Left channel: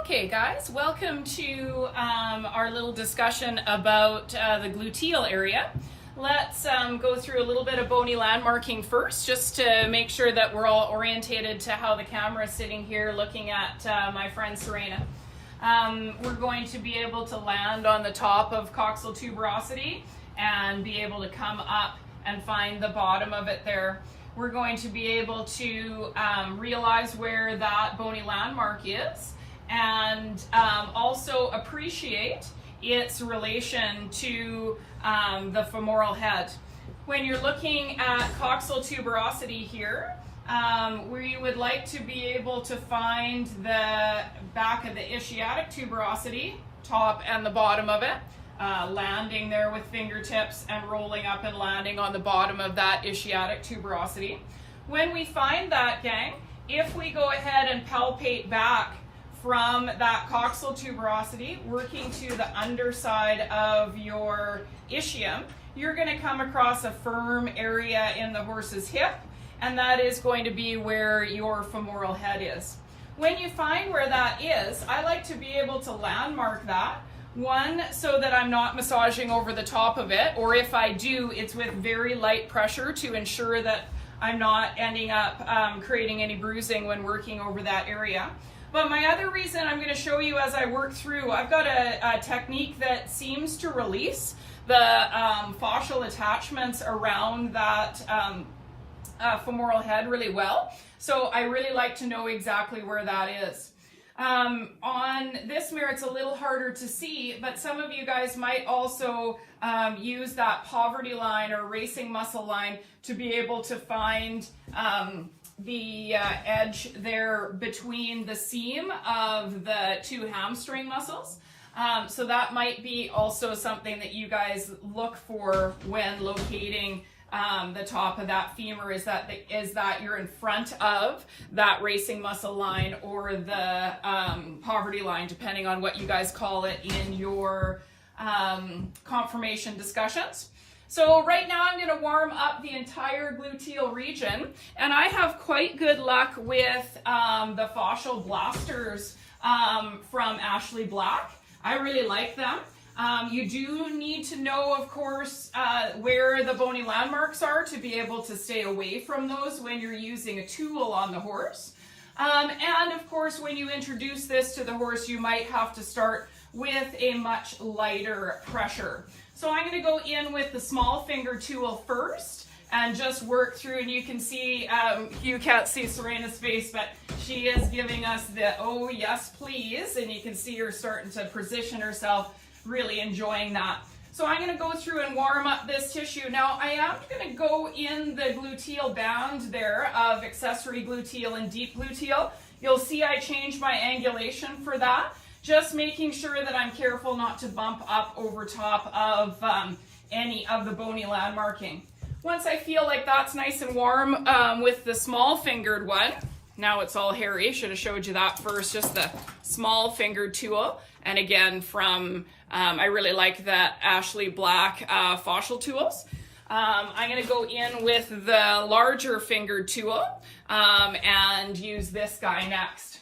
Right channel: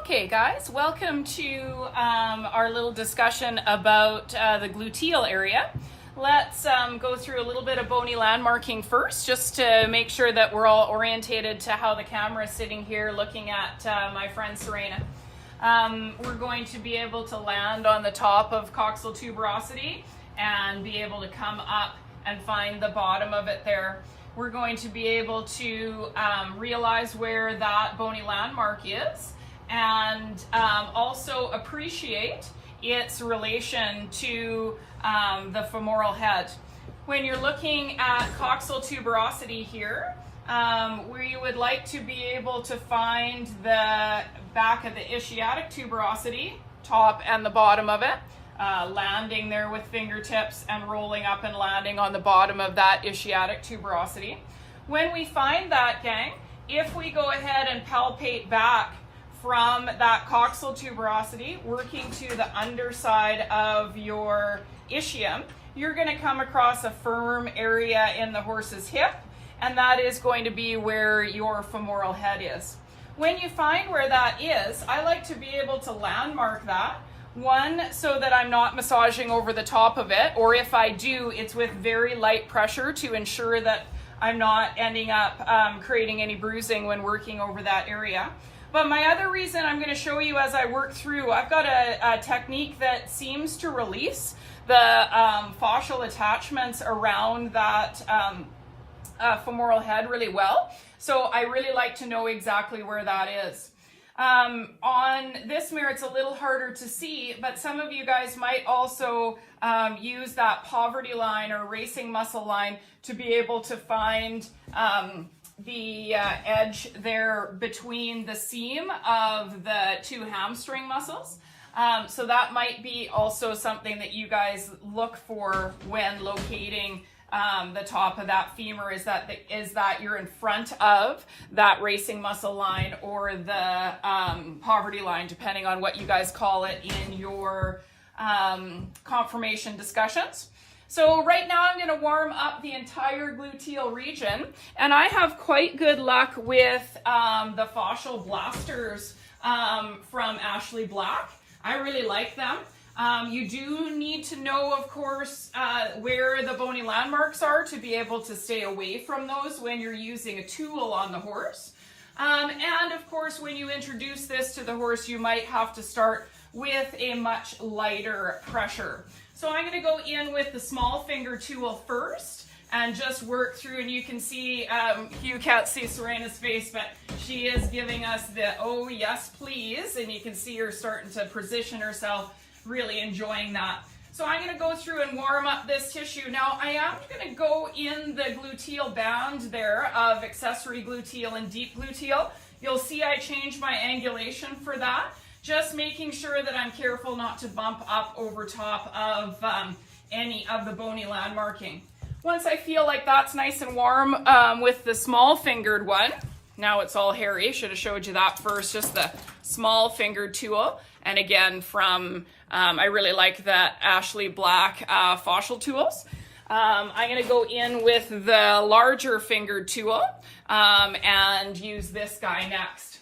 Okay guys, welcome to our little discussion about the gluteal area. Let's go through a little bit of bony landmarking first, just to make sure that we're all orientated to how the camera is sitting here looking at my friend Serena. We're going to be able to land on the top of coxal tuberosity and be able to come up and find the bottom of it there. We're going to be able to realize where that bony landmark is, and also appreciate its relation to the femoral head. When you're looking at coxal tuberosity here, we would like to be able to find the back of the ischiatic tuberosity, top and the bottom of it, landing there with fingertips and rolling up and landing on the bottom of that ischiatic tuberosity. When we find that, gang, if we go ahead and palpate back from that coxal tuberosity, working to the underside of your ischium, you're going to come across a firm area in the horse's hip, and that is going to be where your femoral head is. When you find where that is, I like to be able to landmark that. One, so that I'm not massaging over the top of it, or if I do, it's with very light pressure to ensure that I'm not ending up creating any bruising when working over that area. But my other reason I'm going to show you as I work through, I've got a technique that seems to release the fascial attachments around that femoral head really well. So I really like to know exactly where that is. On this mirror, it's a little harder to see, but some of you guys might also use that poverty line or racing muscle line to be able to find the edge there between the seam of the two hamstring muscles. So that might be also something that you guys look for when locating the top of that femur, is that you're in front of that racing muscle line or the poverty line, depending on what you guys call it in your conformation discussions. So right now I'm going to warm up the entire gluteal region, and I have quite good luck with the fascial blasters from Ashley Black. I really like them. You do need to know, of course, where the bony landmarks are to be able to stay away from those when you're using a tool on the horse. And of course, when you introduce this to the horse, you might have to start with a much lighter pressure. So I'm going to go in with the small finger tool first and just work through, and you can see, you can't see Serena's face, but she is giving us the, oh yes please, and you can see her starting to position herself, really enjoying that. So I'm going to go through and warm up this tissue. Now I am going to go in the gluteal band there of accessory gluteal and deep gluteal. You'll see I changed my angulation for that, just making sure that I'm careful not to bump up over top of any of the bony landmarking. Once I feel like that's nice and warm with the small fingered one, now it's all hairy, should have showed you that first, just the small fingered tool. And again, from I really like that Ashley Black fascial tools. I'm going to go in with the larger fingered tool and use this guy next.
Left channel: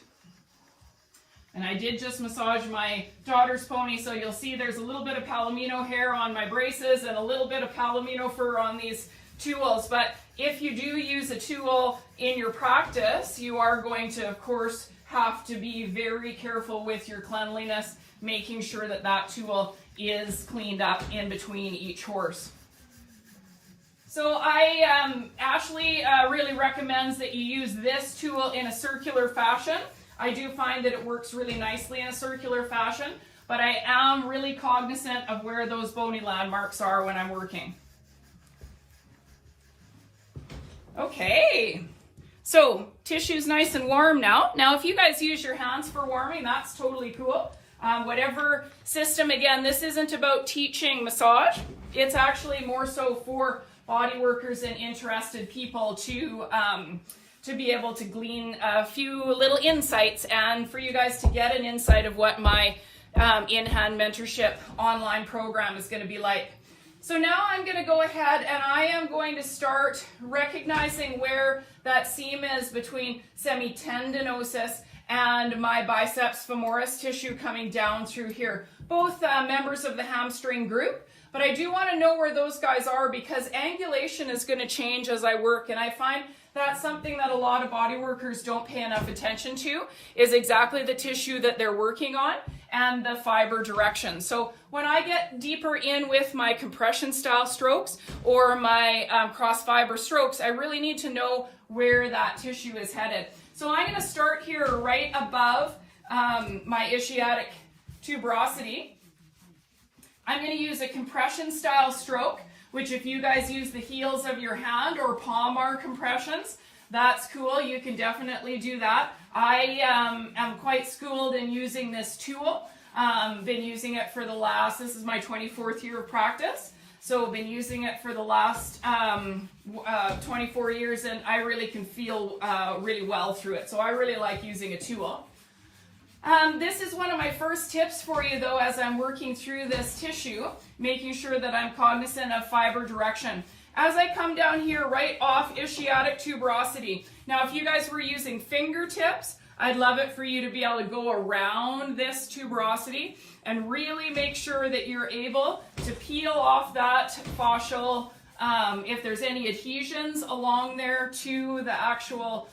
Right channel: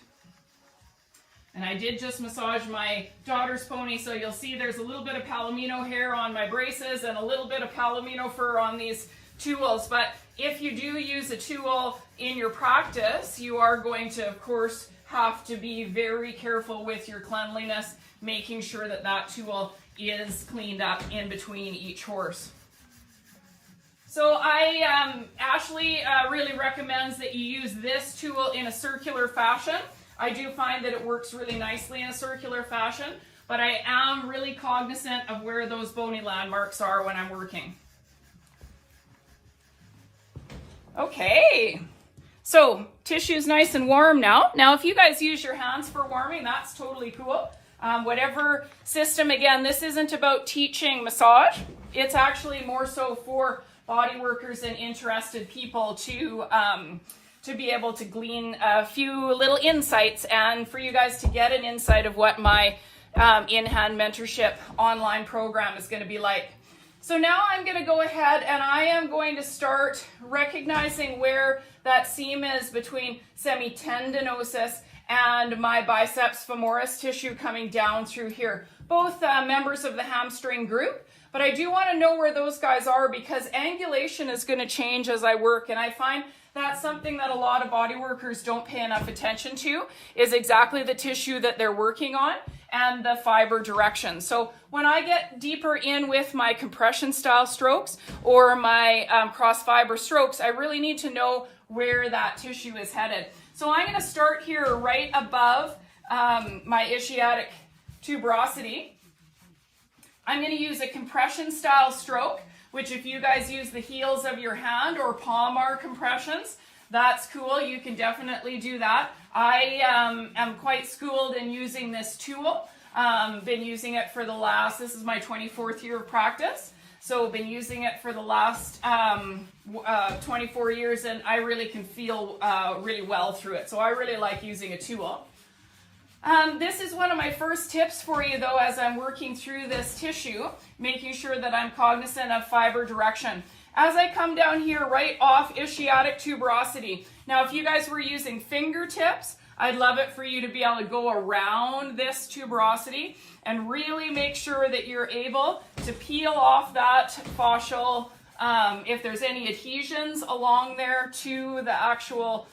And I did just massage my daughter's pony, so you'll see there's a little bit of palomino hair on my braces and a little bit of palomino fur on these tools. But if you do use a tool in your practice, you are going to, of course, have to be very careful with your cleanliness, making sure that that tool is cleaned up in between each horse. So Ashley really recommends that you use this tool in a circular fashion. I do find that it works really nicely in a circular fashion, but I am really cognizant of where those bony landmarks are when I'm working. Okay, so tissue's nice and warm now. Now, if you guys use your hands for warming, that's totally cool. Whatever system, again, this isn't about teaching massage. It's actually more so for body workers and interested people to be able to glean a few little insights and for you guys to get an insight of what my in-hand mentorship online program is going to be like. So now I'm going to go ahead and I am going to start recognizing where that seam is between semitendinosus and my biceps femoris tissue coming down through here. Both members of the hamstring group, but I do want to know where those guys are because angulation is going to change as I work, and I find that's something that a lot of body workers don't pay enough attention to, is exactly the tissue that they're working on and the fiber direction. So when I get deeper in with my compression style strokes or my cross fiber strokes, I really need to know where that tissue is headed. So I'm going to start here right above my ischiatic tuberosity. I'm going to use a compression style stroke, which if you guys use the heels of your hand or palmar compressions, that's cool. You can definitely do that. I am quite schooled in using this tool. Been using it for the last, this is my 24th year of practice. So been using it for the last 24 years, and I really can feel really well through it. So I really like using a tool. This is one of my first tips for you though, as I'm working through this tissue, making sure that I'm cognizant of fiber direction. As I come down here right off ischiatic tuberosity. Now if you guys were using fingertips, I'd love it for you to be able to go around this tuberosity and really make sure that you're able to peel off that fascial, if there's any adhesions along there to the actual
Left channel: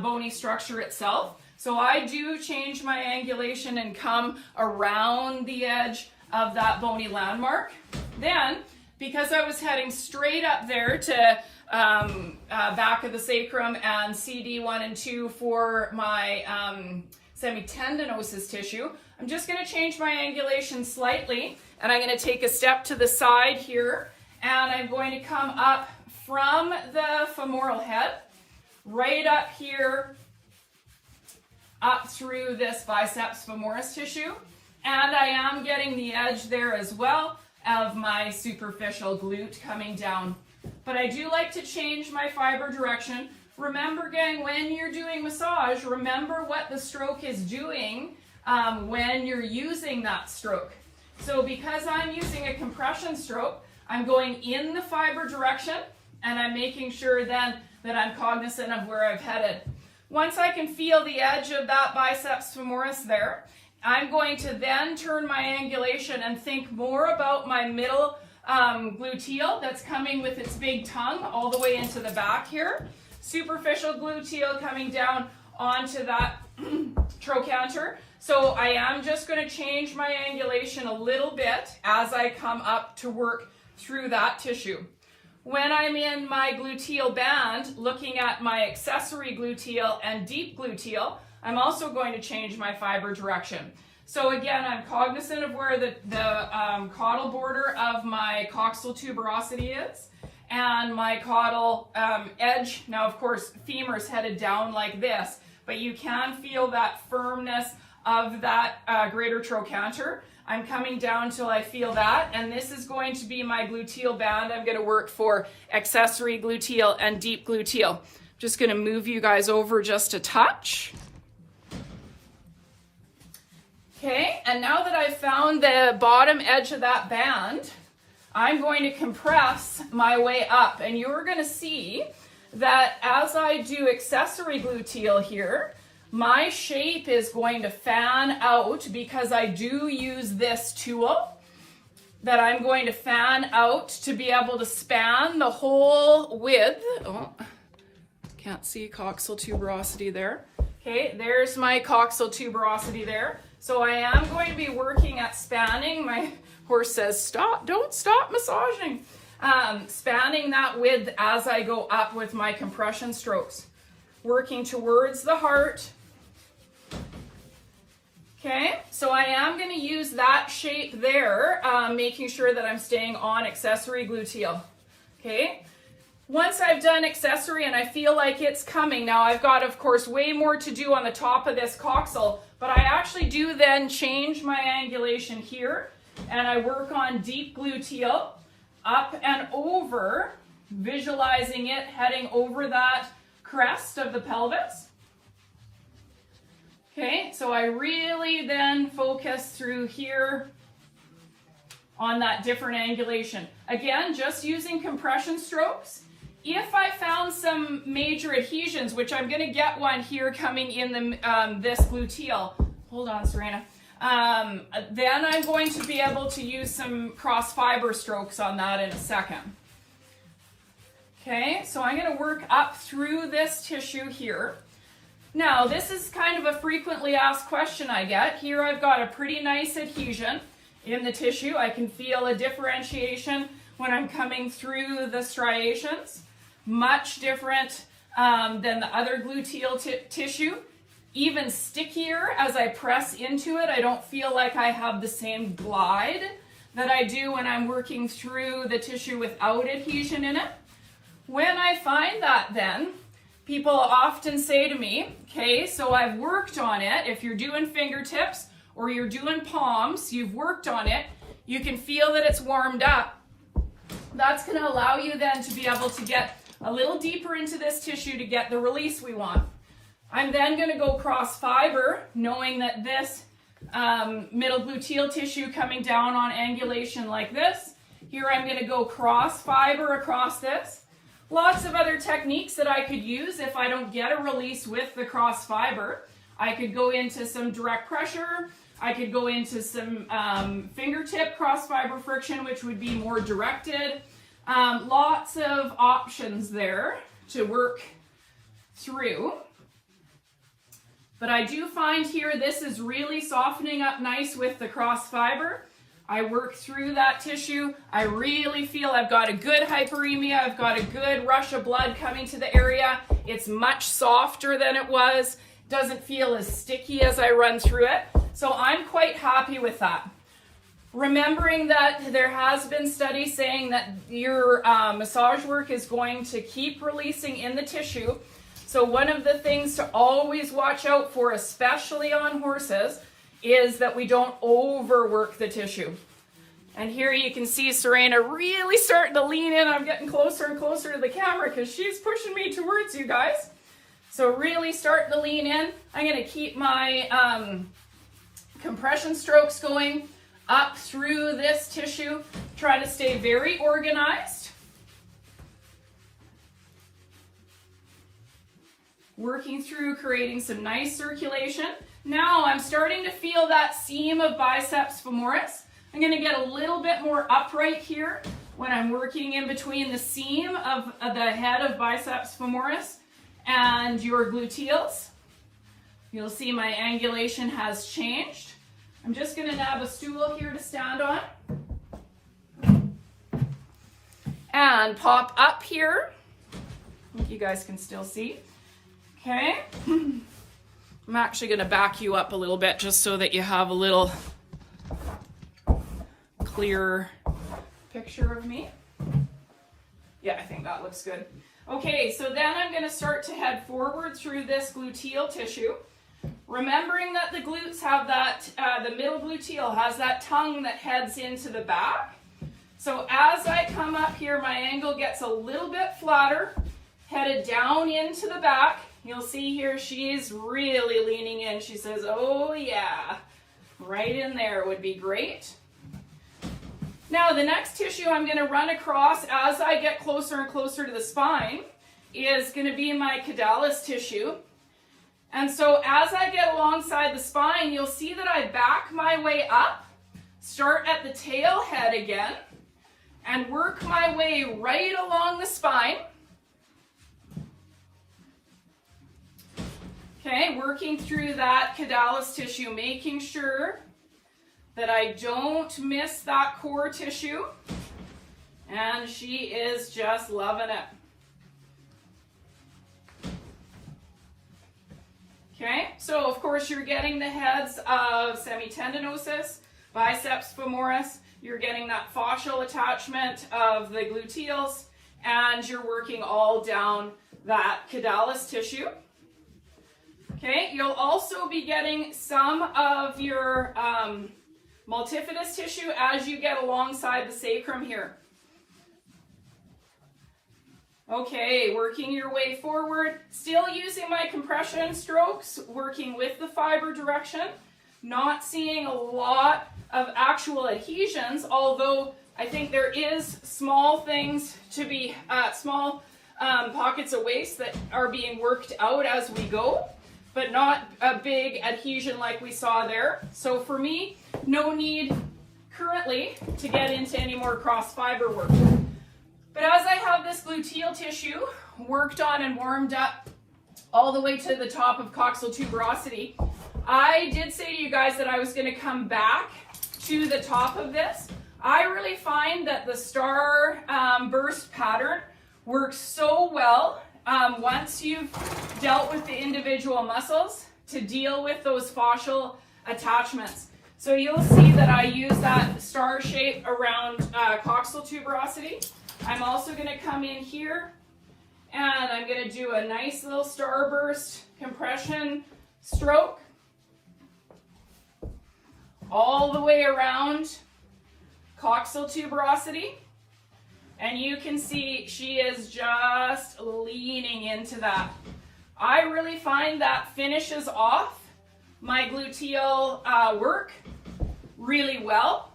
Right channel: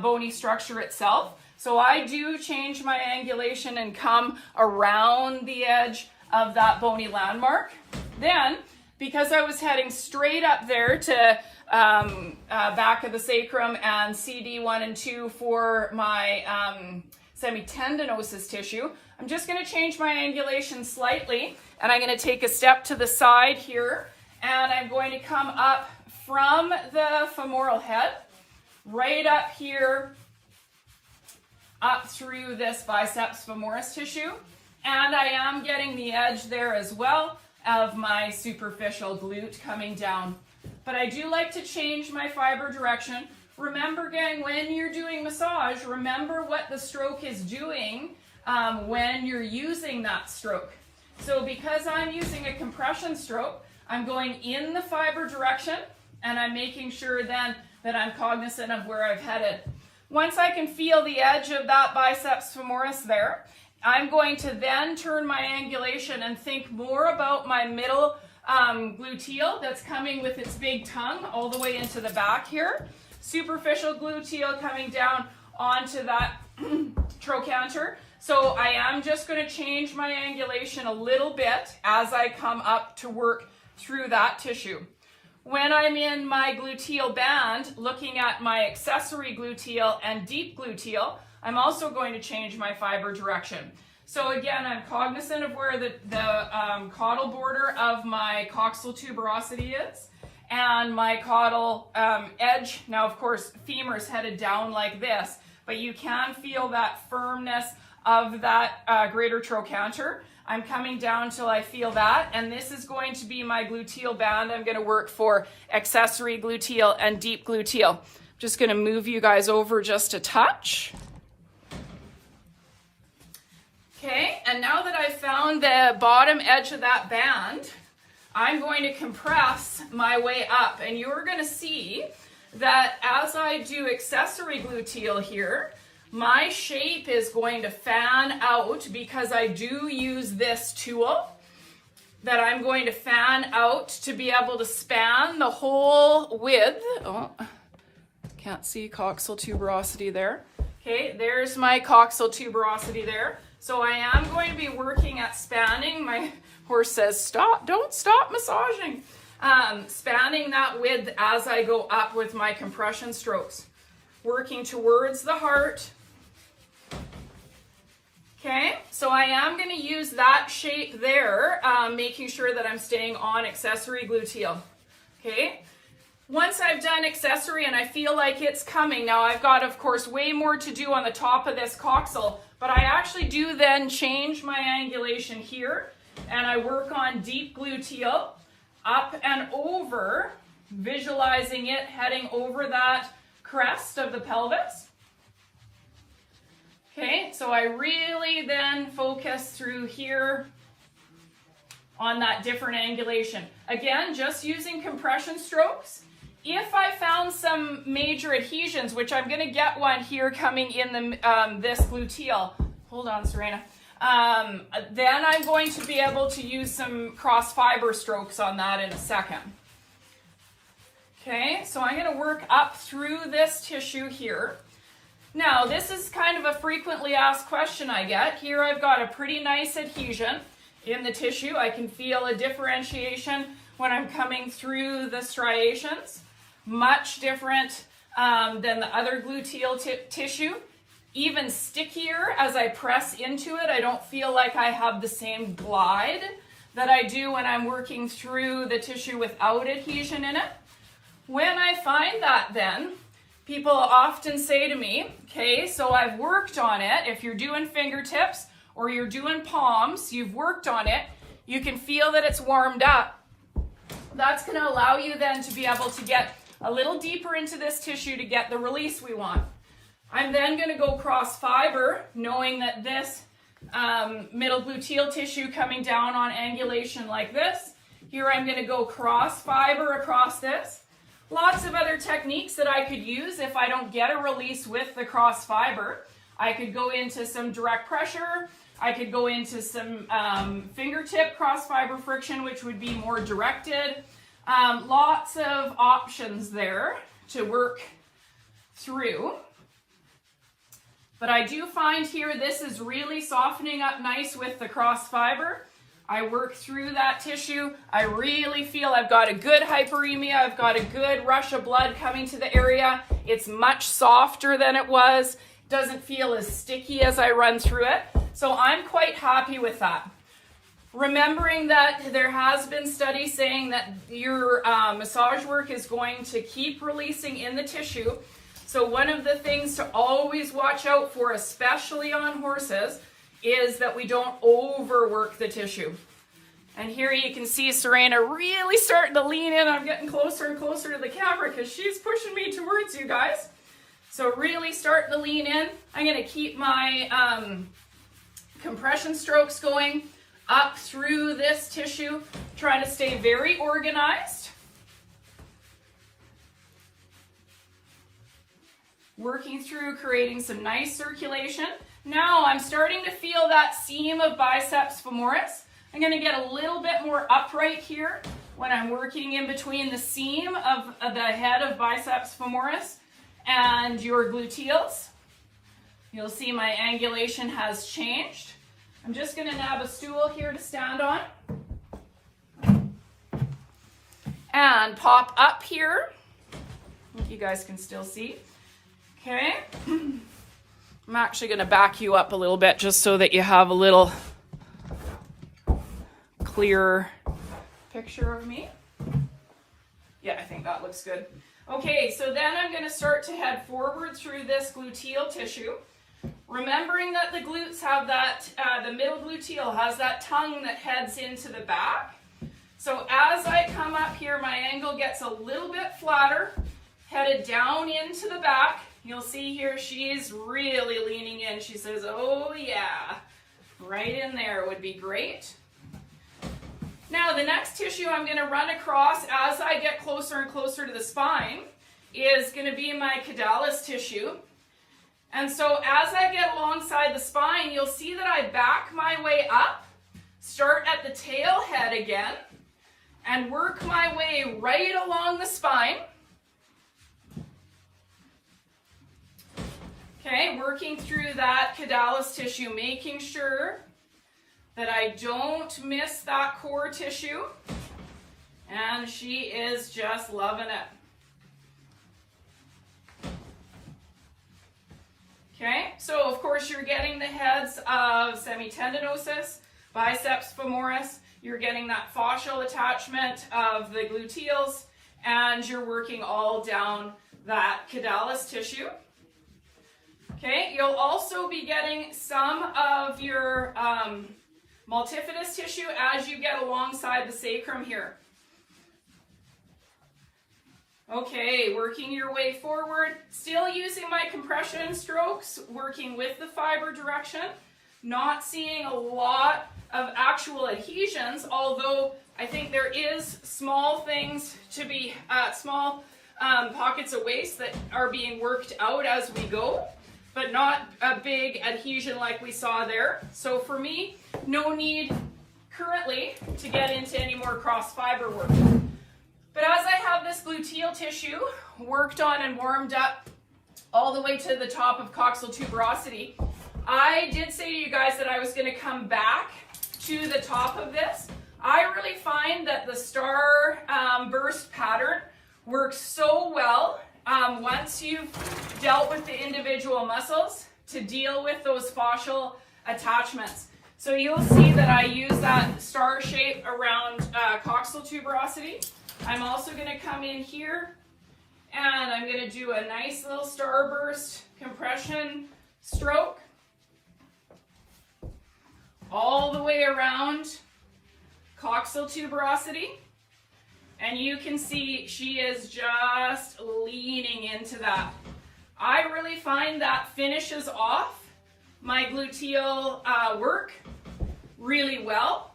bony structure itself. So I do change my angulation and come around the edge of that bony landmark. Then, because I was heading straight up there to back of the sacrum and CD1 and 2 for my semitendinosus tissue, I'm just going to change my angulation slightly, and I'm going to take a step to the side here, and I'm going to come up from the femoral head, right up here, up through this biceps femoris tissue, and I am getting the edge there as well of my superficial glute coming down. But I do like to change my fiber direction. Remember, gang, when you're doing massage, remember what the stroke is doing when you're using that stroke. So because I'm using a compression stroke, I'm going in the fiber direction, and I'm making sure then that I'm cognizant of where I've headed. Once I can feel the edge of that biceps femoris there, I'm going to then turn my angulation and think more about my middle gluteal that's coming with its big tongue all the way into the back here. Superficial gluteal coming down onto that trochanter. So I am just going to change my angulation a little bit as I come up to work through that tissue. When I'm in my gluteal band, looking at my accessory gluteal and deep gluteal, I'm also going to change my fiber direction. So again, I'm cognizant of where the caudal border of my coxal tuberosity is, and my caudal edge. Now, of course, femur is headed down like this, but you can feel that firmness of that greater trochanter. I'm coming down till I feel that, and this is going to be my gluteal band. I'm going to work for accessory gluteal and deep gluteal. Just going to move you guys over just a touch. Okay, and now that I've found the bottom edge of that band, I'm going to compress my way up, and you're going to see that as I do accessory gluteal here, my shape is going to fan out because I do use this tool that I'm going to fan out to be able to span the whole width. Oh, can't see coxal tuberosity there. Okay, there's my coxal tuberosity there. So I am going to be working at spanning. My horse says, stop, don't stop massaging. Spanning that width as I go up with my compression strokes. Working towards the heart. Okay, so I am going to use that shape there, making sure that I'm staying on accessory gluteal. Okay, once I've done accessory and I feel like it's coming, now I've got, of course, way more to do on the top of this coxal, but I actually do then change my angulation here, and I work on deep gluteal, up and over, visualizing it heading over that crest of the pelvis. Okay, so I really then focus through here on that different angulation. Again, just using compression strokes If I found some major adhesions, which I'm going to get one here coming in the this gluteal, hold on, Serena, then I'm going to be able to use some cross fiber strokes on that in a second. Okay, so I'm going to work up through this tissue here. Now, this is kind of a frequently asked question I get. Here I've got a pretty nice adhesion in the tissue. I can feel a differentiation when I'm coming through the striations. Much different than the other gluteal tissue. Even stickier as I press into it. I don't feel like I have the same glide that I do when I'm working through the tissue without adhesion in it. When I find that, then people often say to me, okay, so I've worked on it. If you're doing fingertips or you're doing palms, you've worked on it, you can feel that it's warmed up. That's going to allow you then to be able to get a little deeper into this tissue to get the release we want. I'm then going to go cross fiber, knowing that this middle gluteal tissue coming down on angulation like this. Here I'm going to go cross fiber across this. Lots of other techniques that I could use if I don't get a release with the cross fiber. I could go into some direct pressure. I could go into some fingertip cross fiber friction, which would be more directed. Lots of options there to work through. But I do find here this is really softening up nice with the cross fiber. I work through that tissue. I really feel I've got a good hyperemia. I've got a good rush of blood coming to the area. It's much softer than it was. Doesn't feel as sticky as I run through it. So I'm quite happy with that. Remembering that there has been studies saying that your massage work is going to keep releasing in the tissue. So one of the things to always watch out for, especially on horses, is that we don't overwork the tissue. And here you can see Serena really starting to lean in. I'm getting closer and closer to the camera because she's pushing me towards you guys. So really starting to lean in. I'm going to keep my compression strokes going up through this tissue, trying to stay very organized. Working through, creating some nice circulation. Now I'm starting to feel that seam of biceps femoris. I'm going to get a little bit more upright here when I'm working in between the seam of the head of biceps femoris and your gluteals. You'll see my angulation has changed. I'm just going to nab a stool here to stand on and pop up here. I think you guys can still see. Okay. I'm actually going to back you up a little bit just so that you have a little clearer picture of me. Yeah, I think that looks good. Okay, so then I'm going to start to head forward through this gluteal tissue. Remembering that the glutes have that, the middle gluteal has that tongue that heads into the back. So as I come up here, my angle gets a little bit flatter, headed down into the back. You'll see here she's really leaning in. She says, oh yeah, right in there would be great. Now the next tissue I'm going to run across as I get closer and closer to the spine is going to be my caudalis tissue. And so as I get alongside the spine, you'll see that I back my way up, start at the tail head again, and work my way right along the spine. Okay, working through that caudalis tissue, making sure that I don't miss that core tissue. And she is just loving it. Okay, so of course you're getting the heads of semitendinosus, biceps femoris, you're getting that fascial attachment of the gluteals, and you're working all down that caudalis tissue. Okay, you'll also be getting some of your multifidus tissue as you get alongside the sacrum here. Okay, working your way forward, still using my compression strokes, working with the fiber direction, not seeing a lot of actual adhesions, although I think there is small things to be, small pockets of waste that are being worked out as we go, but not a big adhesion like we saw there. So for me, no need currently to get into any more cross fiber work. But as I have this gluteal tissue worked on and warmed up all the way to the top of coxal tuberosity, I did say to you guys that I was going to come back to the top of this. I really find that the star burst pattern works so well once you've dealt with the individual muscles to deal with those fascial attachments. So you'll see that I use that star shape around coxal tuberosity. I'm also going to come in here and I'm going to do a nice little starburst compression stroke all the way around coxal tuberosity. And you can see she is just leaning into that. I really find that finishes off my gluteal work really well.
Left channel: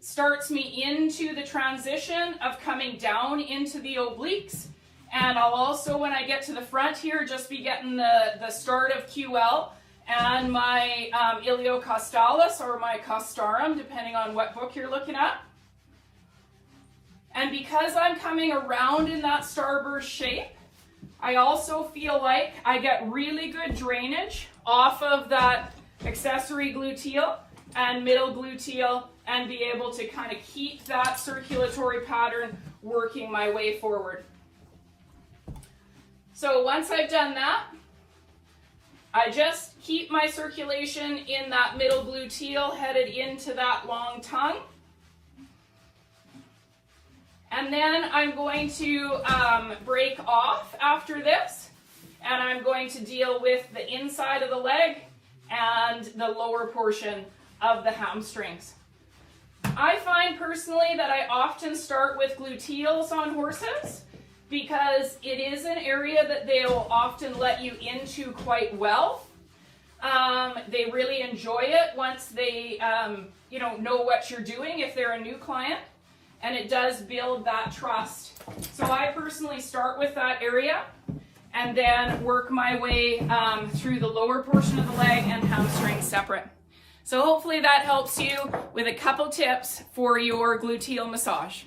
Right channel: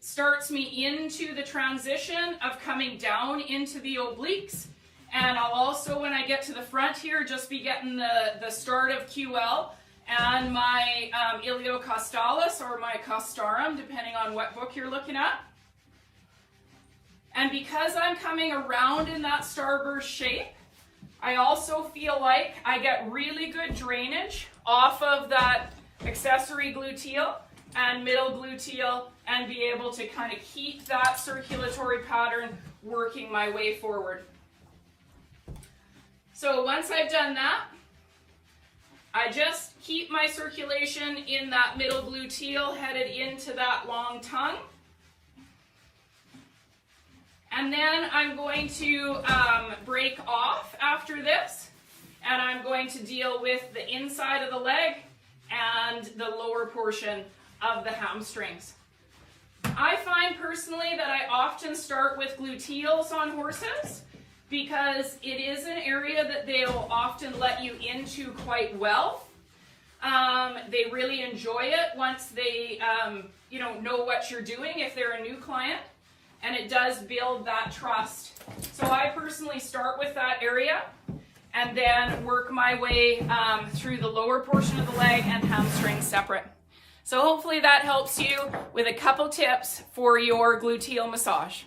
Starts me into the transition of coming down into the obliques. And I'll also, when I get to the front here, just be getting the start of QL and my iliocostalis or my costarum, depending on what book you're looking at. And because I'm coming around in that starburst shape, I also feel like I get really good drainage off of that accessory gluteal and middle gluteal and be able to kind of keep that circulatory pattern working my way forward. So once I've done that, I just keep my circulation in that middle gluteal headed into that long tongue. And then I'm going to break off after this, and I'm going to deal with the inside of the leg and the lower portion of the hamstrings. I find personally that I often start with gluteals on horses because it is an area that they'll often let you into quite well. They really enjoy it once they know what you're doing if they're a new client. And it does build that trust. So I personally start with that area and then work my way through the lower portion of the leg and hamstring separate. So hopefully that helps you with a couple tips for your gluteal massage.